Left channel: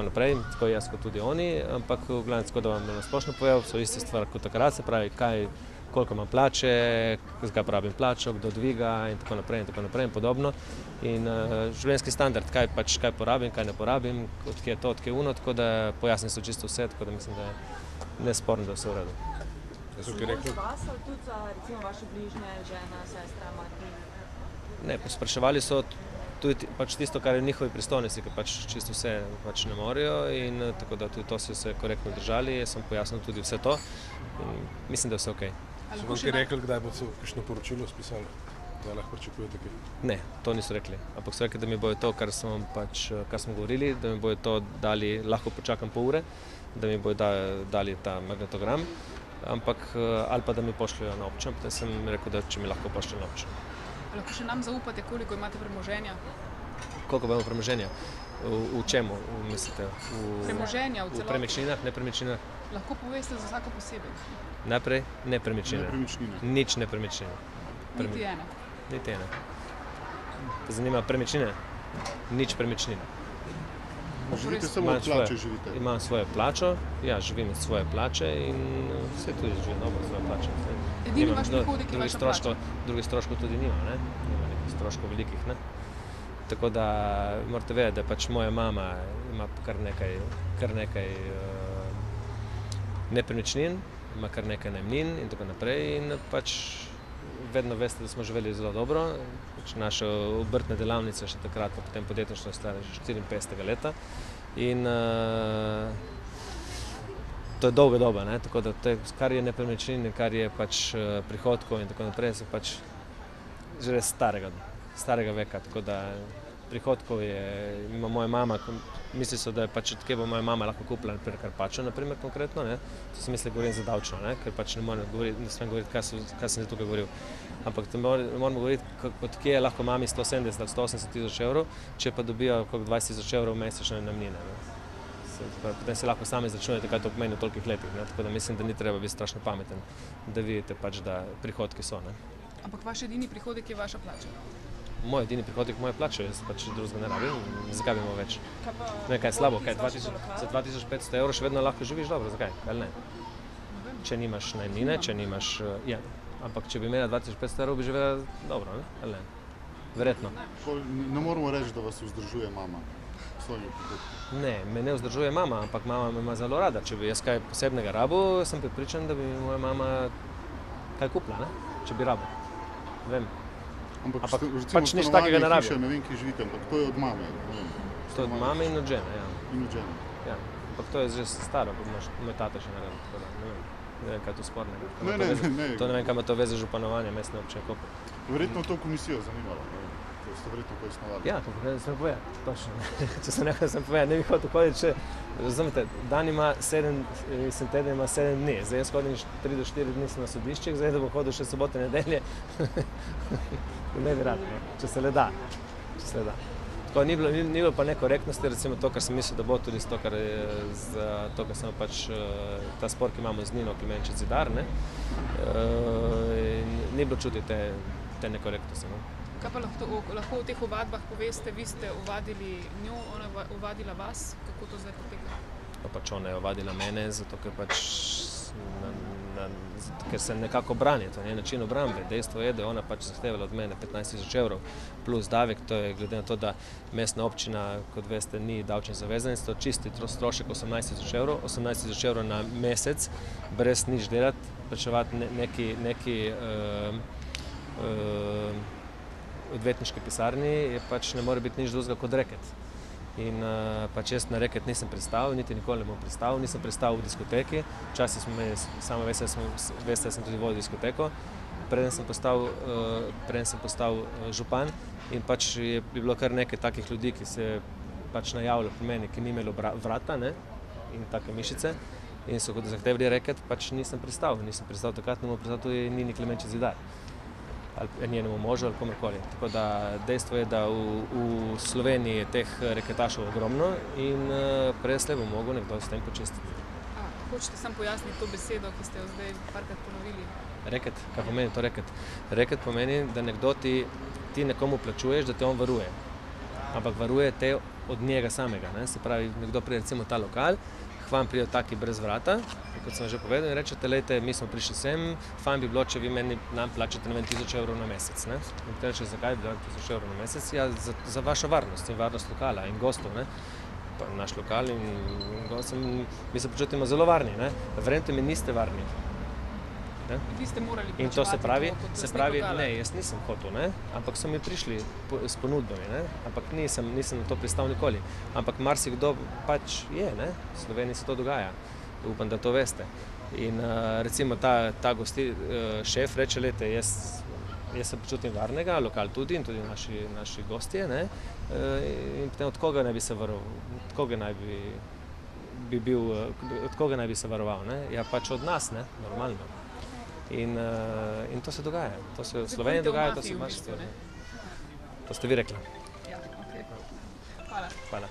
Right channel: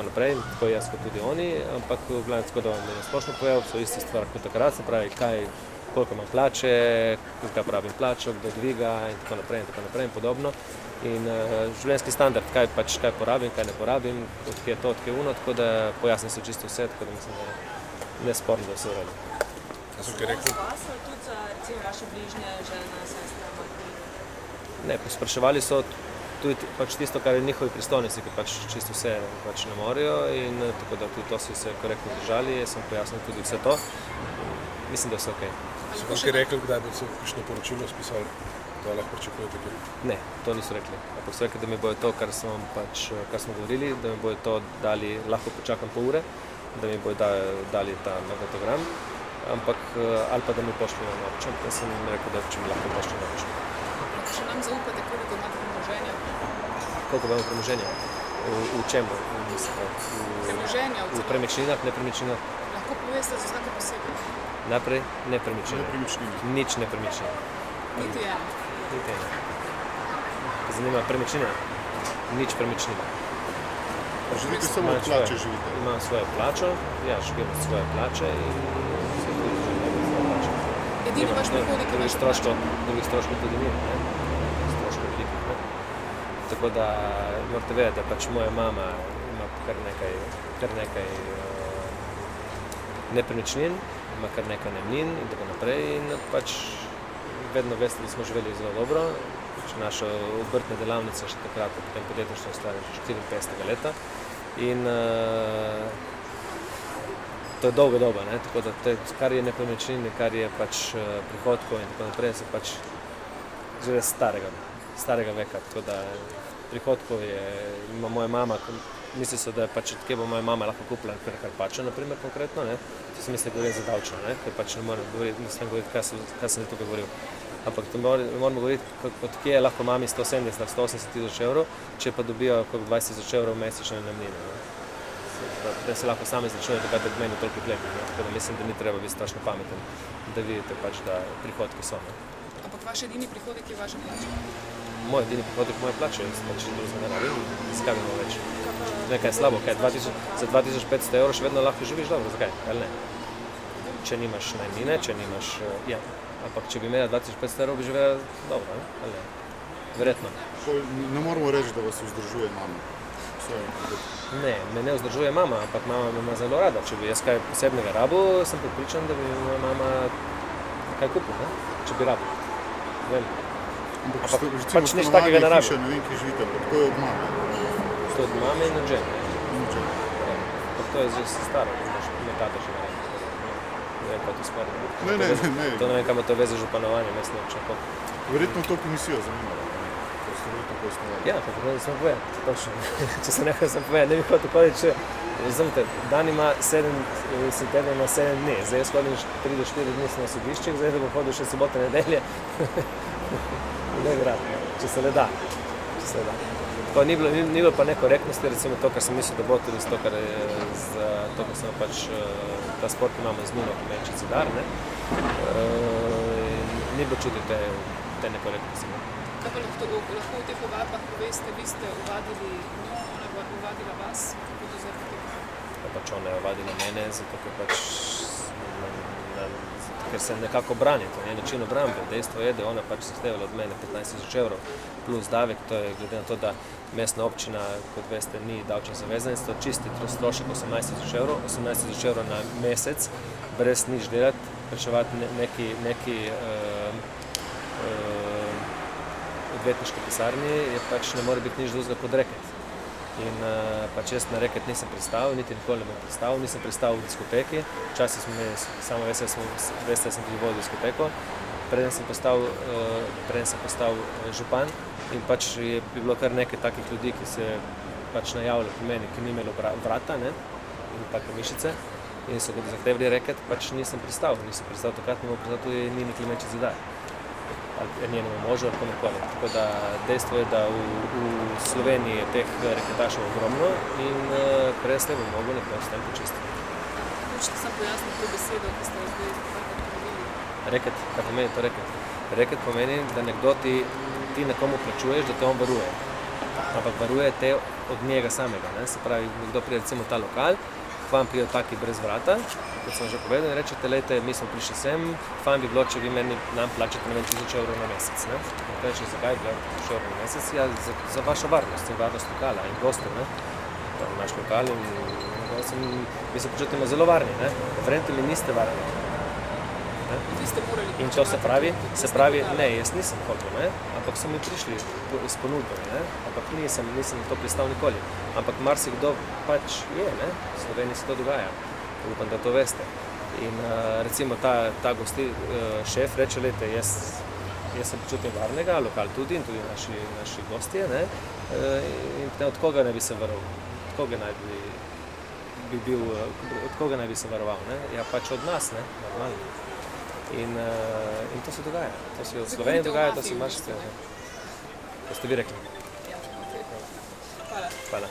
tako naprej, tako jaz kot tudi oni, ampak v glavnem tako, da vam je splošno povedal, so iste stvari kot takrat, se pravi, koliko imam plače, zakaj porabim plačo, kdo dviga in tako naprej in podobno. In življenjski standard, kaj porabim, kaj ne porabim, odkje je to, odkje je ono, tako da pojasnim se čisto vse, tako da mislim, da je nesporno, da vse vredi. Samo za vas, ali tudi za recimo vaše bližnje, žena, sestra, mati? Ne, spraševali so tudi pač tisto, kar je njihovi pristojnosti, ki pač čisto vse pač ne morejo in tako da tudi to so se korektno držali, jaz sem pojasnil tudi vse to. Mislim, da je vse okej. So vam kaj rekli, kdaj bi se kakšno poročilo spisali, da lahko pričakujete kaj? Ne, to niso rekli. Ampak so rekli, da mi bojo to, kar smo govorili, da mi bojo to dali, lahko počakam pol ure, da mi bojo dali ta magnetogram, ampak ali pa da mi pošljajo na občo. Jaz sem jim rekel, da če mi lahko pošljajo na občo. Lahko še nam zaupate, koliko imate premoženja? Koliko imamo premoženja? V čemu mislite? Premoženja v celoti? V premičninah, nepremičninah. Lahko poveste za vsako posebej? Najprej nepremičnine. Nič nepremičnine. Niti ena? Niti ena. Zanima premičnina? Nič premičnine. Živite samo od plače, živite? Imam svojo plačo, ja, živim od svoje plače in se tudi živim od svoje plače. Edini vaš prihodek je vaša plača? Drugih stroškov tudi ni, ne? Stroškov velikih, ne? Tako da morate vedeti, da pač moja mama ima kar nekaj nepremičnin, ima kar nekaj najemnin in tako naprej in pač vedno veste, da smo živeli zelo dobro. Naša obrtna delavnica še takrat, potem podjetništvo stara že 54. leta in to je dolga doba, ne? Tako da kar je nepremičnin, kar je pač prihodkov in tako naprej, so pač že res starega veka, tako da prihodkov ima moja mama, misli so, da je pač odkje bo moja mama lahko kupila Karpačo, naprimer konkretno, ne? To sem mislil, govorim za davčno, ne? Ker pač ne smem govoriti, kaj sem tukaj govoril. Ampak moramo govoriti, odkje je lahko mami 170 ali 180 tisoč evrov, če pa dobijo 20 tisoč evrov mesečne najemnine. Potem se lahko sami začnejo, kaj to pomeni toliko klepa. Tako da mislim, da ni treba biti strašno pameten, da vidite pač, da prihodki so. Ne? Ampak vaš edini prihodek je vaša plača? Moj edini prihodek je moja plača, jaz pač drugega ne rabim. Zakaj bi bilo več? Nekaj je slabo, kaj? Za 2500 evrov še vedno lahko živiš dobro, zakaj? Ali ne? Če nimaš najemnine, če nimaš... Ja. Ampak če bi imela 2500 evrov, bi živela dobro, ne? Ali ne? Verjetno. Ne moramo reči, da vas vzdržuje mama. Ne, me ne vzdržuje mama, ampak mama me ima zelo rada. Če bi jaz kaj posebnega rabil, sem pripričan, da bi moja mama kaj kupila, ne? Če bi rabil. Ne vem. Ampak pač nič takega ne rabi. Ne vem, kje živite, ampak to je od mame. To je od mame in od žene. Ampak to je že staro, ima tata že verjetno. Ne vem, pa to sporno. Ne. To ne vem, kam to veze županovanje, mislim, če pa. Verjetno to komisijo zanimalo. To ste verjetno tako osnovali. Ja, to sem povedal, točno. Če sem nekaj povedal, ne bi hotel povedati, če, razumete, dan ima 7 dni, zdaj jaz hodim 3 do 4 dni na sodiščih, zdaj da bom hodil še sobote, nedelje. Ne vratno, če se le da. Tako, ni bilo pa nekorektnosti, recimo to, kar sem mislil, da bo tudi to, kar sem pač ta spor, ki imamo z Nino, ki meče Zidar, ne? Ni bilo čutiti te nekorektnosti. Kaj pa lahko v teh ovadbah poveste, vi ste ovadili njo, ona je ovadila vas, kako to zdaj poteka? Pač ona je ovadila mene, zato ker se nekako brani, to je način obrambe. Dejstvo je, da je ona pač zahtevala od mene 15 tisoč evrov plus davek, to je glede na to, da mestna občina, kot veste, ni davčno zavezanec, to čisti strošek 18 tisoč evrov na mesec, brez nič delati, plačevati neki odvetniški pisarni, je pač ne more biti nič drugega kot reket. In pač jaz na reket nisem pristal, niti nikoli ne bom pristal, nisem pristal v diskoteki, včasih smo imeli, samo veste, sem tudi vodil diskoteko, preden sem postal župan in pač je bilo kar nekaj takih ljudi, ki se pač najavili po meni, ki ni imelo vrata, ne, in take mišice in so kot zahtevali reket, pač nisem pristal takrat, ne bom pristal tudi Nini Klemenčič Zidar. Ali njenemu možu ali komukoli. Tako da dejstvo je, da v Sloveniji je teh reketašev ogromno in presle bomo mogli nekaj s tem počistiti. Hočete samo pojasniti to besedo, ki ste jo zdaj parkrat ponovili? Reket, kaj pomeni to reket? Reket pomeni, da nekdo ti nekomu plačuješ, da te on varuje. Ampak varuje te od njega samega. Ne? Se pravi, kdo pride recimo v ta lokal, k vam pridejo taki brez vrata, kot sem že povedal, in rečete, lejte, mi smo prišli sem, fajn bi bilo, če vi nam plačate 1000 evrov na mesec. Ne? In reče, zakaj bi bilo 1000 evrov na mesec? Ja, za vašo varnost in varnost lokala in gostov, ne? Naš lokal in mi se počutimo zelo varni, ne? Verjemite mi, niste varni. Vi ste morali In to se pravi, lokal. ne, jaz nisem hotel, ne? Ampak so mi prišli s ponudbami, ne? Ampak nisem to pristal nikoli. Ampak marsikdo pač je, ne? V Sloveniji se to dogaja. Upam, da to veste. In recimo ta šef reče, lejte, jaz se počutim varnega, lokal tudi in tudi naši gostje, ne? In potem od koga naj bi se varoval? Od koga naj bi se varoval, ne? Ja, pač od nas, ne? Normalno. In to se dogaja. To se v Sloveniji dogaja, to se marsikaj. To ste vi rekli. Ja, okay. Hvala. Hvala.